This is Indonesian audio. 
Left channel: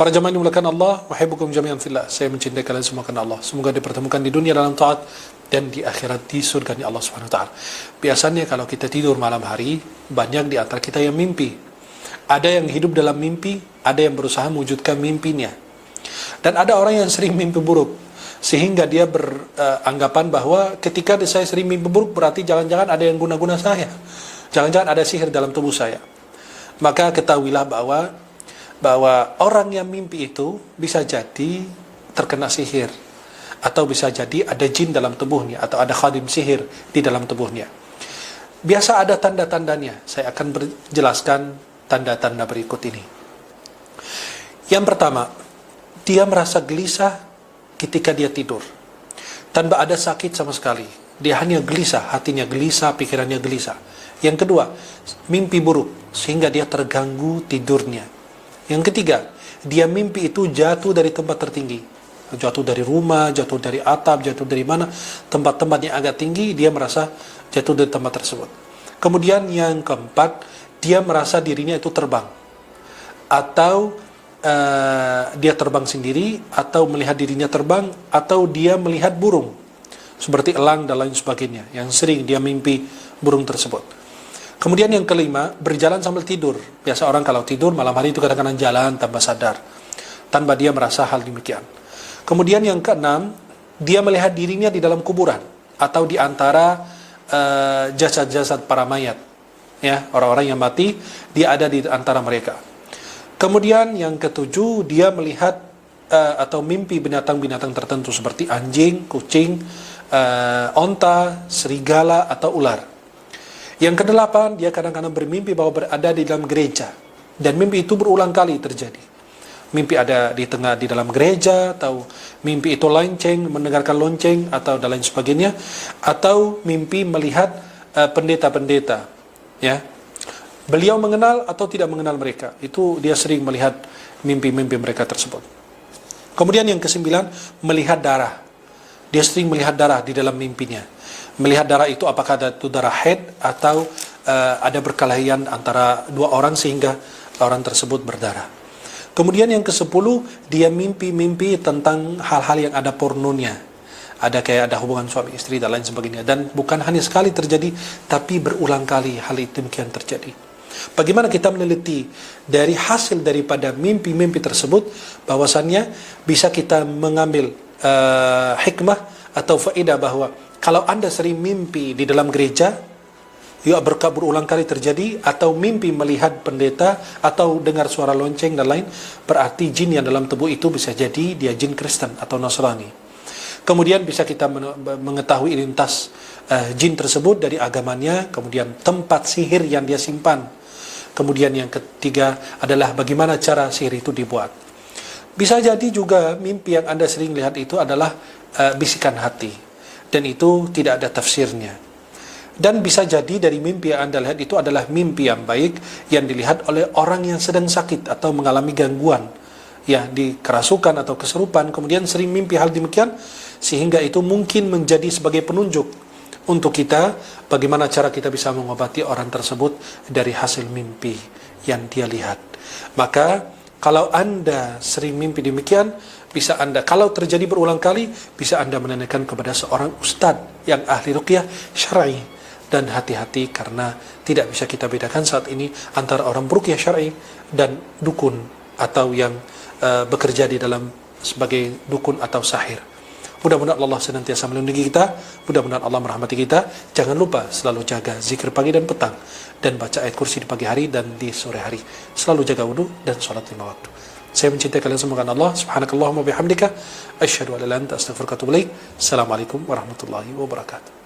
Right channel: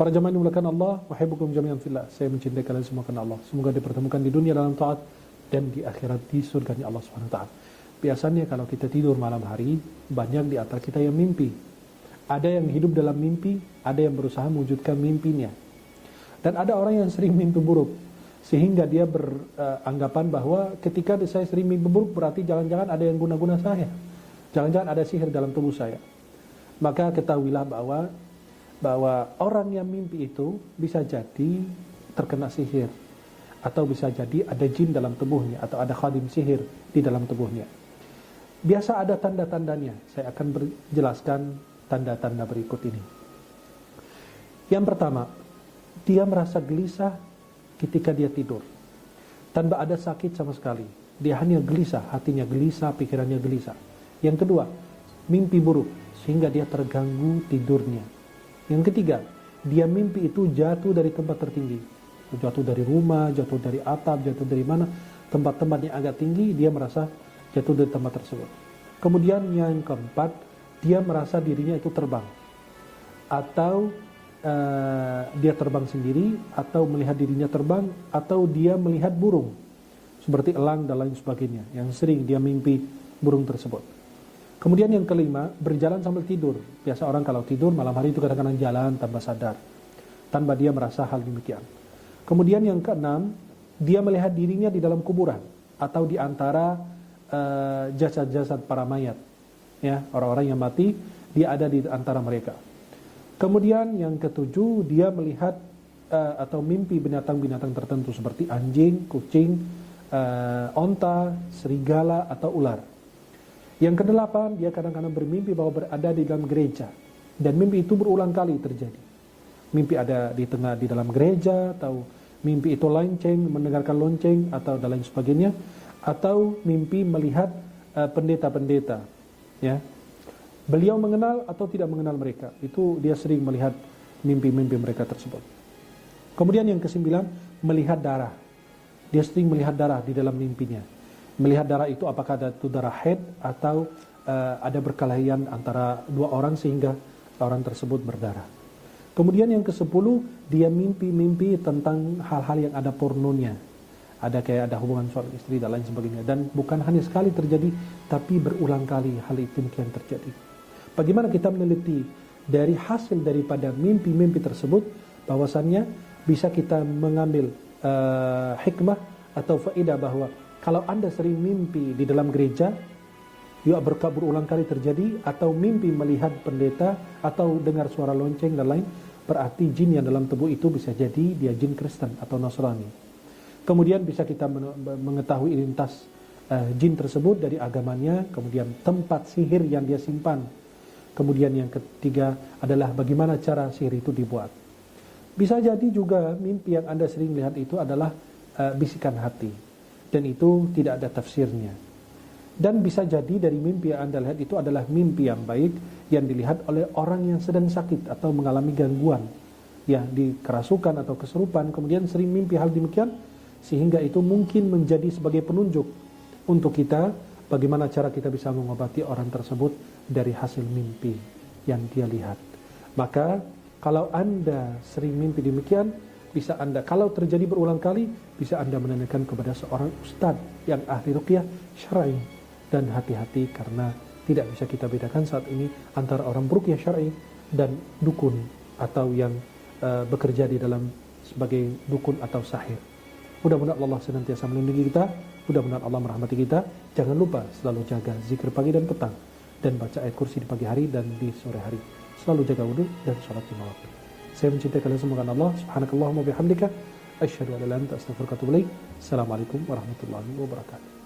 Para jamaah yang dimuliakan Allah, uhibbukum jami'an fillah. Saya mencintai kalian semua karena Allah. Semoga dipertemukan di dunia dalam taat dan di akhirat di surganya Allah Subhanahu wa taala. Biasanya kalau kita tidur malam hari, banyak di antara kita yang mimpi. Ada yang hidup dalam mimpi, ada yang berusaha mewujudkan mimpinya. Dan ada orang yang sering mimpi buruk, sehingga dia beranggapan bahwa ketika saya sering mimpi buruk berarti jangan-jangan ada yang guna-guna saya. Jangan-jangan ada sihir dalam tubuh saya. Maka ketahuilah bahwa orang yang mimpi itu bisa jadi terkena sihir, atau bisa jadi ada jin dalam tubuhnya, atau ada khadim sihir di dalam tubuhnya. Biasa ada tanda-tandanya. Saya akan berjelaskan tanda-tanda berikut ini. Yang pertama, dia merasa gelisah ketika dia tidur, tanpa ada sakit sama sekali. Dia hanya gelisah, hatinya gelisah, pikirannya gelisah. Yang kedua, mimpi buruk sehingga dia terganggu tidurnya. Yang ketiga, dia mimpi itu jatuh dari tempat tertinggi, jatuh dari rumah, jatuh dari atap, jatuh dari mana, tempat-tempat yang agak tinggi, dia merasa jatuh dari tempat tersebut. Kemudian yang keempat, dia merasa dirinya itu terbang, atau dia terbang sendiri, atau melihat dirinya terbang, atau dia melihat burung seperti elang dan lain sebagainya, yang sering dia mimpi burung tersebut. Kemudian yang kelima, berjalan sambil tidur. Biasa orang kalau tidur malam hari itu kadang-kadang jalan tanpa sadar, tanpa dia merasa hal demikian. Kemudian yang keenam, dia melihat dirinya di dalam kuburan, atau di antara jasad-jasad para mayat. Ya, orang-orang yang mati, dia ada di antara mereka. Kemudian yang ketujuh, dia melihat atau mimpi binatang-binatang tertentu seperti anjing, kucing, onta, serigala, atau ular. Yang kedelapan, dia kadang-kadang bermimpi bahwa berada di dalam gereja, dan mimpi itu berulang kali terjadi. Mimpi ada di dalam gereja, atau mimpi itu lonceng, mendengarkan lonceng, atau dan lain sebagainya, atau mimpi melihat pendeta-pendeta. Ya, beliau mengenal atau tidak mengenal mereka, itu dia sering melihat mimpi-mimpi mereka tersebut. Kemudian yang kesembilan, melihat darah. Dia sering melihat darah di dalam mimpinya. Melihat darah itu apakah itu darah haid, atau ada perkelahian antara dua orang sehingga orang tersebut berdarah. Kemudian yang ke-10, dia mimpi-mimpi tentang hal-hal yang ada pornonya. Ada kayak ada hubungan suami istri dan lain sebagainya. Dan bukan hanya sekali terjadi, tapi berulang kali hal itu demikian terjadi. Bagaimana kita meneliti dari hasil daripada mimpi-mimpi tersebut, bahwasannya bisa kita mengambil hikmah atau faedah bahwa kalau Anda sering mimpi di dalam gereja, yuk berulang kali terjadi, atau mimpi melihat pendeta, atau dengar suara lonceng dan lain, berarti jin yang dalam tubuh itu bisa jadi dia jin Kristen atau Nasrani. Kemudian bisa kita mengetahui identitas jin tersebut dari agamanya, kemudian tempat sihir yang dia simpan. Kemudian yang ketiga adalah bagaimana cara sihir itu dibuat. Bisa jadi juga mimpi yang Anda sering lihat itu adalah bisikan hati, dan itu tidak ada tafsirnya. Dan bisa jadi dari mimpi yang Anda lihat itu adalah mimpi yang baik, yang dilihat oleh orang yang sedang sakit atau mengalami gangguan, ya, di kerasukan atau kesurupan, kemudian sering mimpi hal demikian, sehingga itu mungkin menjadi sebagai penunjuk untuk kita bagaimana cara kita bisa mengobati orang tersebut dari hasil mimpi yang dia lihat. Maka kalau Anda sering mimpi demikian, bisa Anda, kalau terjadi berulang kali, bisa Anda menanyakan kepada seorang ustadz yang ahli ruqyah syar'i. Dan hati-hati, karena tidak bisa kita bedakan saat ini antara orang beruqyah syar'i dan dukun, atau yang bekerja di dalam sebagai dukun atau sahir. Mudah-mudahan Allah senantiasa melindungi kita, mudah-mudahan Allah merahmati kita. Jangan lupa selalu jaga zikir pagi dan petang, dan baca ayat kursi di pagi hari dan di sore hari. Selalu jaga wudu dan sholat lima waktu. Saya mencintai kalian semua karena Allah. Subhanakallahumma bihamdika, asyhadu an la ilaha illa anta, astaghfiruka wa atubu ilaik. Assalamualaikum warahmatullahi wabarakatuh.